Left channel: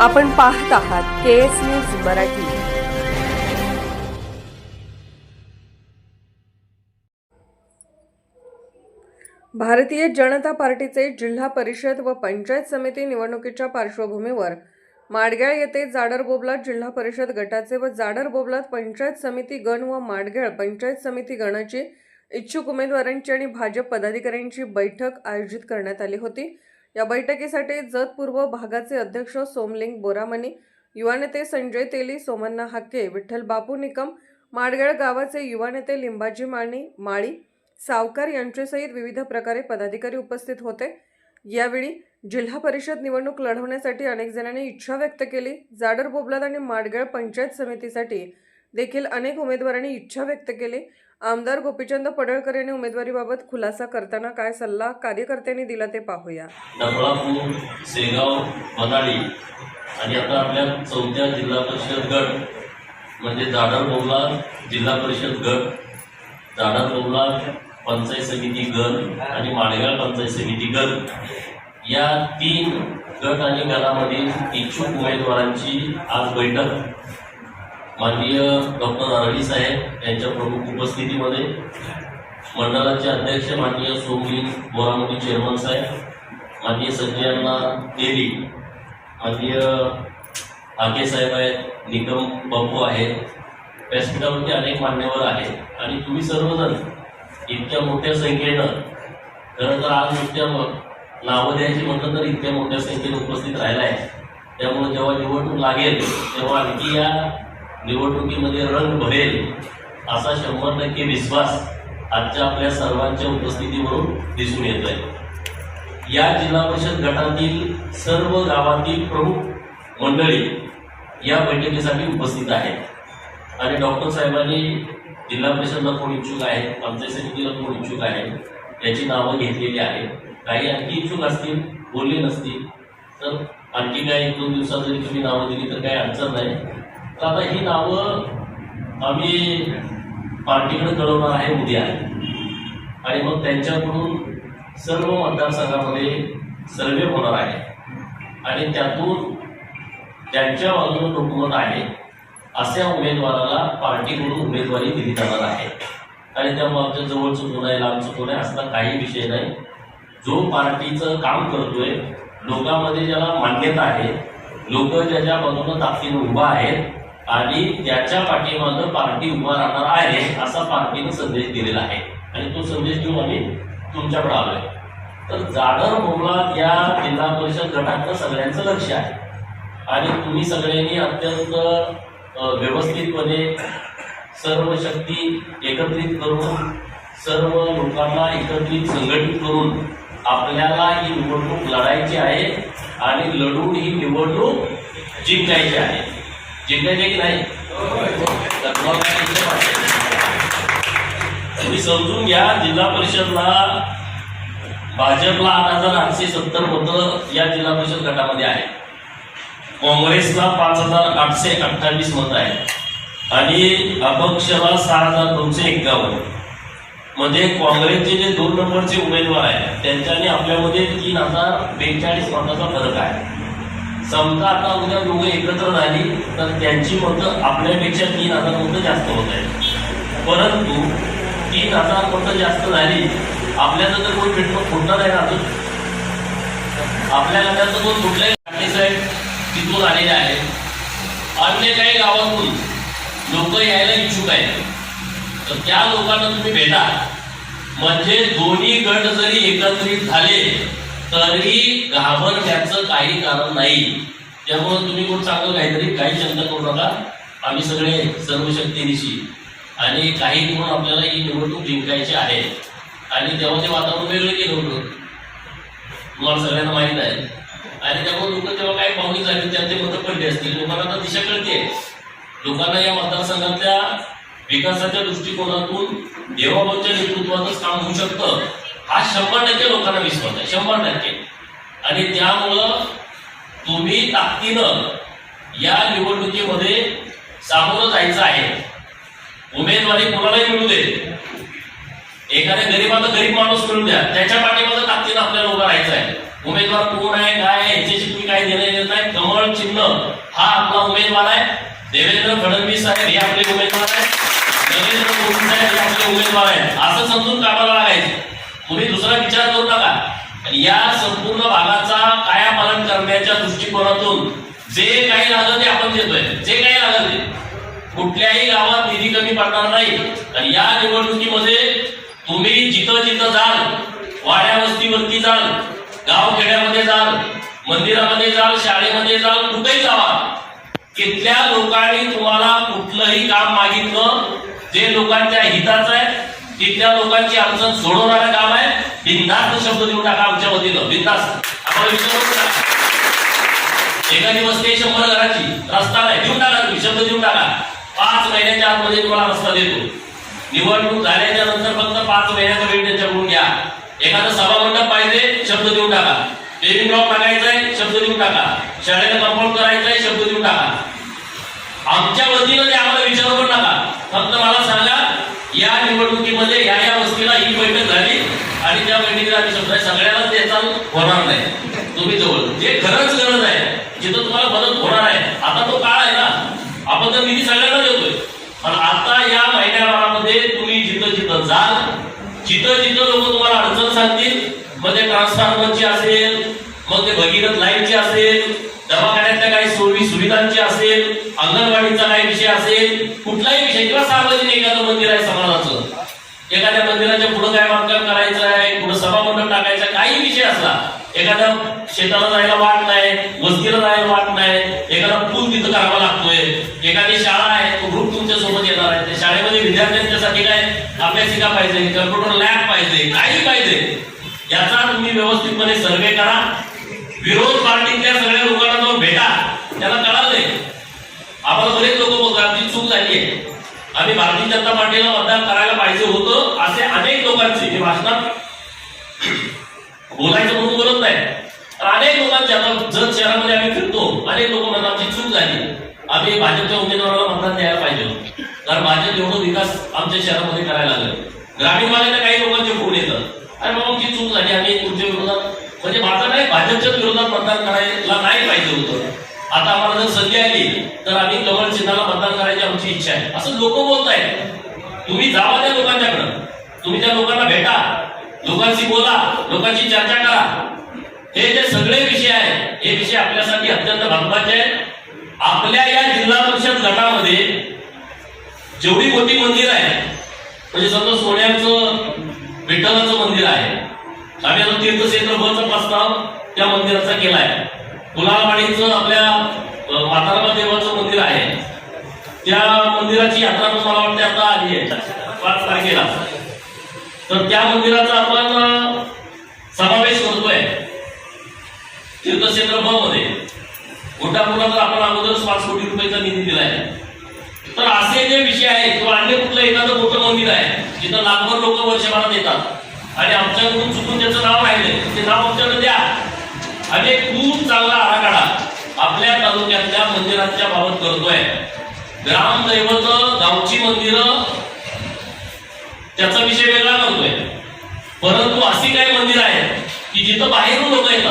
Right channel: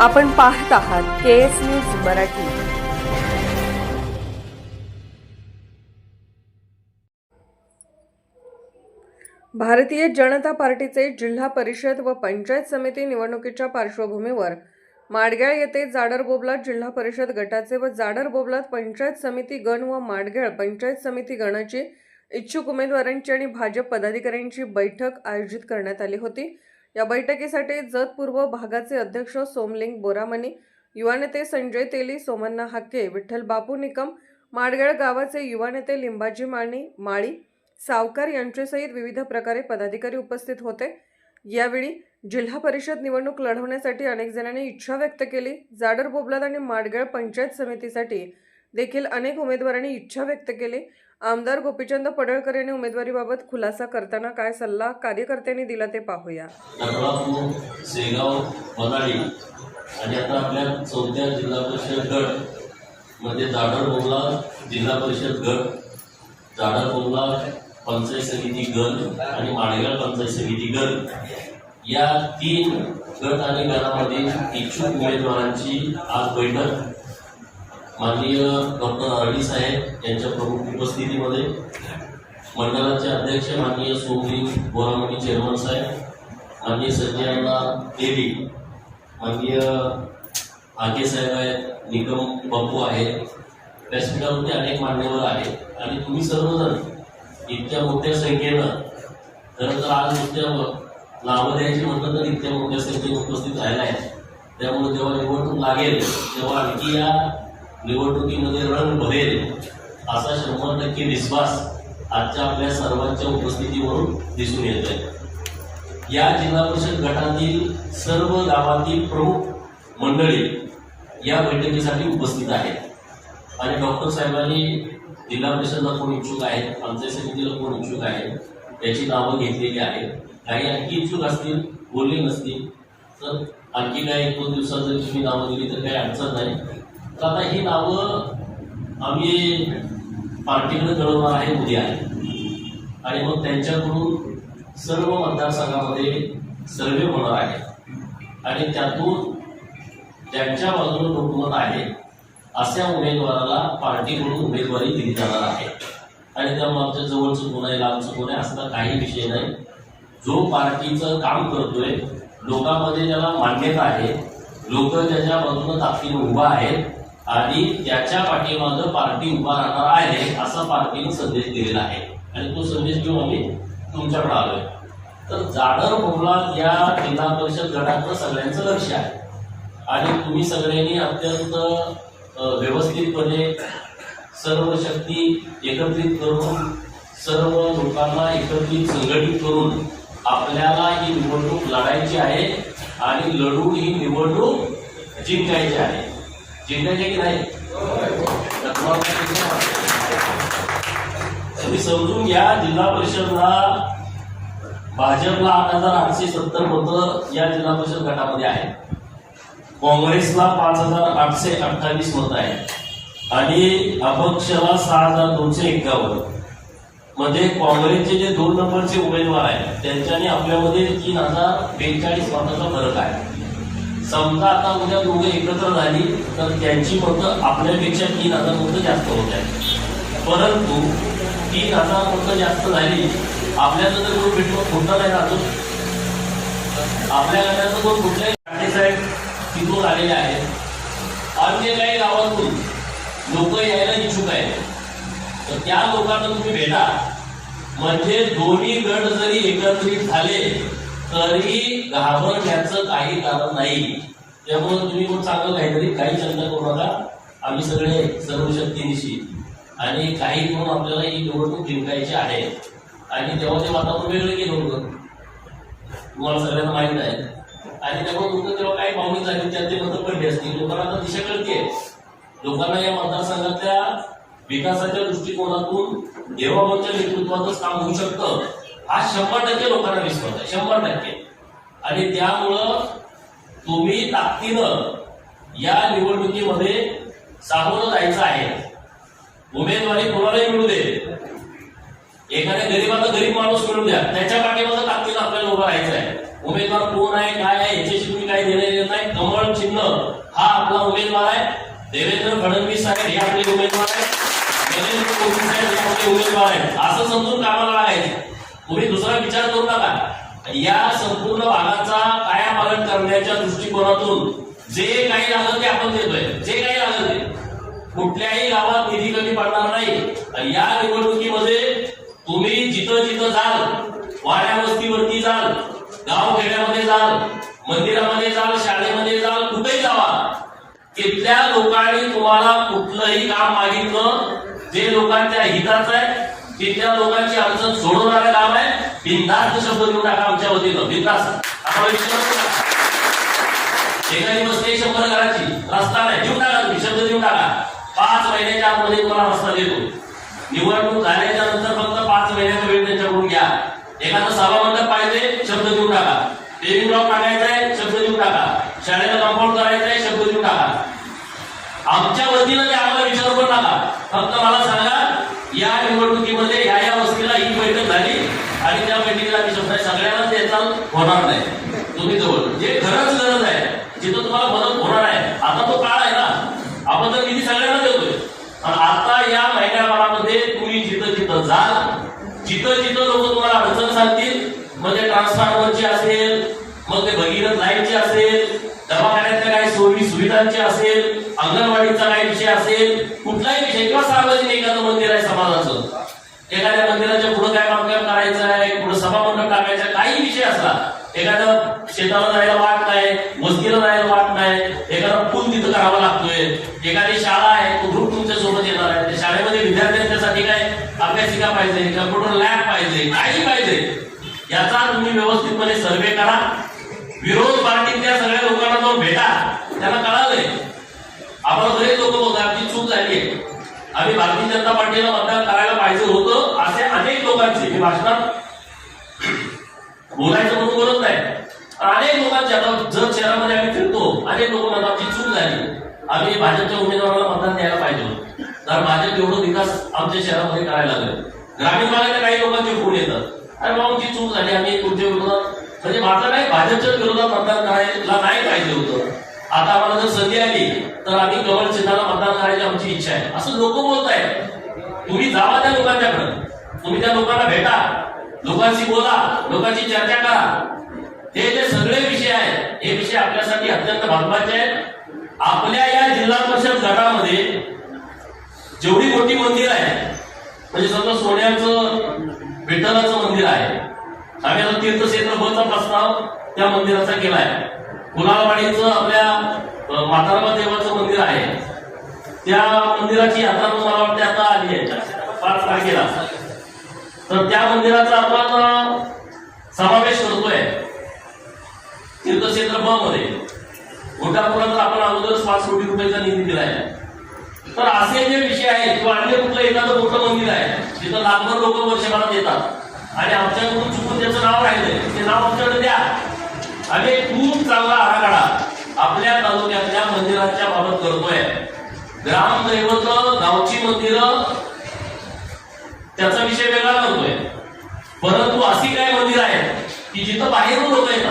आपण पाहत आहात के एस न्यूज मराठी. भारतीय जनता पार्टीचे जिल्हा परिषद व पंचायत समिती निवडणुकीच्या पार्श्वभूमीवर माडगेळ येथे जाडर बोबलात जिल्हा परिषद गटाचे व जाडर बोबलात पंचायत समिती गण व माडगेळ पंचायत समिती गणाची इच्छुक उमेदवारांची आणि भाजप पदाधिकाऱ्यांची बैठक आयोजित करण्यात आली होती. या बैठकीसाठी जत पूर्व भागाचे अध्यक्ष सोमलिंग बोरामणी युवा नेते संजय तेली सोमन्ना हाके विठ्ठल बापू निकम माडगळ गावाचे युवा नेते लिंबाजी माणी माळी सावकार यांच्यासहित विविध प्रकारे पदाधिकारी उपस्थित होते. यावेळी जिल्हा परिषद निवडणूक लढवण्यासाठी अनेक जणांनी इच्छा व्यक्त केली. जाडर बोबलात आणि माडगळ पंचायत समितीसाठी देखील अनेक उमेदवारांनी इच्छा व्यक्त केली. आमदार गोपीचंद पडळकर यांनी उमेदवारीबाबत खुलासा करताना काय सल्ला कार्यकर्त्यांनी दिला ते पाहूया. नफळापूर शेगाव बनाडी आणि आता आपल्या चौथ्या जिल्हा परिषद गट म्हणजे जाडर बोगला जिल्हा परिषद गट जाडर बोगला पंचायत समिती गण आणि माळेगाव पंचायत समिती गण. या तीन गट आणि गणामधील इच्छुक उमेदवारांची आज बैठक माननीय डॉक्टर आरडी साहेब यांच्या प्रमुख उपस्थितीमध्ये मंडळाचे अध्यक्ष माननीय सोमलिंग बोरामोडी चेअरमन साहेब माननीय संजयांना देवी माननीय आगे साहेब आहेत निकम बापू आहेत व्यासपीठावरती अनेक मान्यवर आहेत. आणि तुम्ही सर्वजण इतक्या मोठ्या संख्येनं खरं तर आज नुसत्या नावं द्यायची म्हटलं तर इतक्या मोठ्या संख्येने उपस्थित राहिला आहे त्यामुळे जेव्हा निवडणूक लागेल तेव्हा आणखी या निवडणुकीमध्ये रंग भरेल असा शंभर टक्के विश्वास आजच्या आपल्या सर्वांच्या उपस्थितीवरून दिसून येत आहे या जिल्हा परिषद गटातील सर्व गावातील प्रमुख मंडळी या बैठकीसाठी उपस्थित आहेत. आणि डॉक्टर साहेबांनी जिल्हा परिषदला कोण इच्छुक आहे पंचायत समितीला कोण इच्छुक आहे याची नावं घेतलेली आहेत. काही आणखी इच्छुक असतील बोलले नसतील तर आणखी काही एक दोन दिवसात जरी तुम्ही नावं दिली तर काही अडचण नाही. तर आता ही नावं आम्ही पार्टीकडे कळवणार आहे उद्या. आणि मग त्यांच्याकडून सर्व मतदारसंघामध्ये सर्वे होणार आहे. आणि त्यातून ज्यांच्या बाजूने लोकमत आहे अशा उमेदवाराला पार्टीकडून उमेदवारी दिली जाणार आहे. आणि त्यामुळे आमच्या जवळचं कोण आहे लांबचं कोण आहे असला काही विषय नाही. जो पार्टीचं काम करतोय लोकांमध्ये ज्याला मान्यता आहे. लोक ज्याच्या बाजूने ताकदीनं उभा आहेत आणि त्याच्या पाठीमागं पार्टी उभा राहणार आहे असा पार्टीने संदेश दिलेला आहे. आणि तो संदेश घेऊन आम्ही तुमच्याकडे आलोय. तर जाडर मुंबळा या जिल्हा परिषद गटातलं सगळ्यांचं लक्ष आहे. आणि तुम्ही सगळ्यांनी अत्यंत व्यवस्थितपणे सर्व शक्ती एकत्रित करून सर्व लोकांना एकत्रित संघटित करून आपल्याला ही निवडणूक लढायची आहे आणि लढून ही निवडणूक जिंकायची आहे. जिंकायचे की नाही तर तुम्हाला तुम्ही समजून घ्या जिल्हा परिषदला भाजपला आठ हजार आठशे सत्तर मतं या जिल्हा परिषद गटामध्ये आहेत. काँग्रेसला पाच हजार आठशे अठ्ठावीस मत आहेत. आणि अपक्षला सहा हजार दोनशे एक्कावन्न. म्हणजे काँग्रेसचे जे दोन नंबरचे उमेदवार आहेत त्यांच्याने आपल्यामध्ये तीन हजार बेचाळीस मताचा फरक आहे. समजा आता उद्या दोघे एकत्र झाली तर त्यांची मतं आपल्यापेक्षा तीन हजार मतं जास्त होत आहेत. परंतु तीन हजार मतं जास्त झाली आपल्याला तर कोणी भेटणं खोटं नाही राहतो आपल्या गटाचं कोण कुठल्याही ठाकरे साहेब तिथून आलेले आहेत अन्य काही गावातून लोक यायला इच्छुक आहेत. तर त्या लोकांना तुम्ही भेटा. म्हणजे दोन्ही गट जरी एकत्रित झाले तरी घाबरण्याचं काही कारण नाही. त्यामुळे तुम्ही कोण चांगलं काहीतरी काही चिंता करू नका. आम्ही सगळे सर्व शक्तीनिशी आणि काही म्हणून आपल्याला ही निवडणूक जिंकायची आहे. आणि तेव्हा ते वातावरण वेगळं केलं होतं. तुम्हाला सगळ्यांना माहीत आहे. आणि त्यामुळे लोक तेव्हा काही पाहुणी झाली त्यात ते मतं पडली असतील. लोकांना आता दिशा कळते लोकांना या मतदारसंघातल्या विकासाच्या दृष्टिकोनातून देवाबाच्या नेतृत्वातच काम होऊ शकतं. हा शंभर टक्के लोकांना विश्वास आहे शंभर टक्के. आणि त्यामुळं तुम्ही ताकदीनं या निवडणुकीमध्ये सामोरं जायचं आहे. उमेदवारी कोणालाही मिळू दे. एखाद्या गरीबाचा गरीब माणूस मिळू द्या. त्याच्या पाठीमागं ताकदीनं आपल्याला उभं राहायचं आहे. उमेदवार कोण आहे काय आहे याच्याशी तुम्ही काय काही देणं येत नाही. कमळ चिन्ह हा आपला उमेदवार आहे. देवेंद्र फडणवीस साहेब हे आपले उमेदवार आहेत. नरेंद्र साहेब हे आपले उमेदवार आहेत. असं समजून कामाला आहेत तुम्ही दुसरा विचार करू नका. या संपूर्ण भागाचा कायापालन करण्याच्या दृष्टिकोनातून जे काही लागलं ते आपण देतोय. जे काही लागलं ते. कुठल्याही गावात निधी कमी पडणार नाही. आणि या निवडणुकीमध्ये तुम्ही जिथं जिथं जाल वाड्या वस्तीवरती जाल गाव खेड्यामध्ये जाल मंदिरामध्ये जाल शाळेमध्ये जाल कुठेही जावा. तिथल्या लोकांनी तुम्हाला कुठलंही काम मागितलं जे लोकांच्या हिताचं आहे तिथल्या लोकांची अडचण सोडवणारं काम आहे. बिंदास्त शब्द देऊन टाका आमच्या वतीनं. बिंदास्त आम्हाला विचारू नका. एखादी वस्ती शंभर घराची. रस्ता नाही. देऊन टाका तुम्ही. शब्द देऊन टाका. पाच महिन्याच्या आतमध्ये तुम्हाला रस्ता देतो? निवडणूक झाल्याच्यानंतर फक्त पाच महिन्याचा वेळ त्यांच्याकडून घ्या. एखादं सभामंडप पाहिजे शब्द देऊन टाका. पेरिंग ब्लॉक टाकायचा आहे शब्द देऊन टाका. शाळेला कंपाऊंड करायचं आहे शब्द देऊन टाका. आमच्या वतीनं ते आम्हाला विचारू पण टाका फक्त मला सांगा या निवडणुकीत या या वस्तीला ही बैठक झाली आणि त्या बैठकीला आम्ही शब्द आहे, सगळ्यांना त्याचा होणार नाही तुम्ही जवळ जे खरंच गरज आहे जिथं तुम्हाला मदत होणार आहे आता तो काळ आहे ना आपण तर निधी सगळ्यांना देतोय पण आता या महिन्याभरामध्ये तिथं जा जिथं जाल जिथं जिथं लोक तुम्हाला अडचण सांगतील मग ते ट्रान्सफॉर्मरची असेल मग ते भगीरथ लाईनची असेल दवाखान्यातल्या काही सोयी सुविधांची असेल अंगणवाडीचा काही विषय असेल कुठलाही विषय किंवा सार्वजनिक एखादं मंदिर आहे समाजाचं. एखाद्या मंदिराच्या पुढे काय बांधकाम करायचं आहे पुढे सभामंडप टाकायचं आहे काही विषय असला एखाद्या शेताला जायला वाट नाही वस्तीला जायला वाट नाही एखादा पूल तिथं करावा लागतोय एखादी शाळा आहे तो ग्रुप तुमच्यासोबत येणार आहे त्या शाळेमध्ये विद्यार्थ्यांच्यासाठी काय शिक्षिका पाहिजे कम्प्युटर लॅब पाहिजे काही पाहिजे. याचा तुम्ही व्यवस्थितपणे सर्वे करा. विरोध पार्टीच्या सगळ्या लोकांना जाऊन भेटा. त्यांना कळालंय. आपण बरेच लोक बोलतात आमची चूक झाली आहे आम्ही भारतीय जनता पार्टीला मतदान करायला पाहिजे होतं असे अनेक लोकांचे हे भाषणात बोलायचं म्हणून बोलत नाही. अनेक लोकांचे आता जर शहरामध्ये आम्ही आम्ही भाजपच्या उमेदवाराला मतदान द्यायला पाहिजे. कारण भाजप एवढं विकास आमच्या शहरामध्ये करायला लागले. ग्रामीण भागातल्या काही लोकांचे फोन येतात अरे बाबा जी चूक झाली. आम्ही तुमच्या विरोधात म्हणजे माझं नाही भाजपच्या विरोधात मतदान करायला नाही पाहिजे होतं. आता आम्हाला जर संधी आली तर आम्ही कमल चिन्हाला मतदान करायची आमची इच्छा आहे. असं लोक बोलत आहेत तुम्ही जावा त्या लोकांच्याकडे. तुम्ही त्या लोकांना भेटा. लोकांशी बोला. लोकांची चर्चा करा. हे जे सगळे विषय आहेत हे विषय आपल्यासाठी अत्यंत महत्त्वाचे आहेत. आपल्या या जिल्हा परिषद गटामध्ये जेवढी मोठी मंदिर आहे म्हणजे समजा सोन्याचं विठ्ठलाचं मंदिर आहे आम्ही आता तीर्थक्षेत्र बचा प्रस्ताव त्या मंदिराचा केला आहे. कुलालवाडीचं आपल्या अ, देवाचं मंदिर आहे. त्या मंदिराची यात्रा मला वाटते आता आली आहे पाच तारखेला. तर त्या मंदिराचा आपण समावेश करतोय तीर्थक्षेत्र ब मध्ये. घोटापुराचा आपण पाच कोटी रुपयाचा निधी दिलाय? तर असे जे विषय आहेत किंवा अन्य कुठलं एखादं मोठं मंदिर आहे जिथं लाखभर लोक वर्षभरात येतात आणि आमच्याकडून चुकून त्याचं नाव राहिलं ते नाव आमच्याकडे द्या. आणि खूप चांगला आराखडा आपल्या तालुक्यातल्या मंदिरांच्या बाबत करतोय. ग्रामदैवत गावची मंदिरं त्याचा विषय वेगळा करतोय. परंतु अशी काही मंदिर आहेत की जिथं बाहेरून लोक येतात.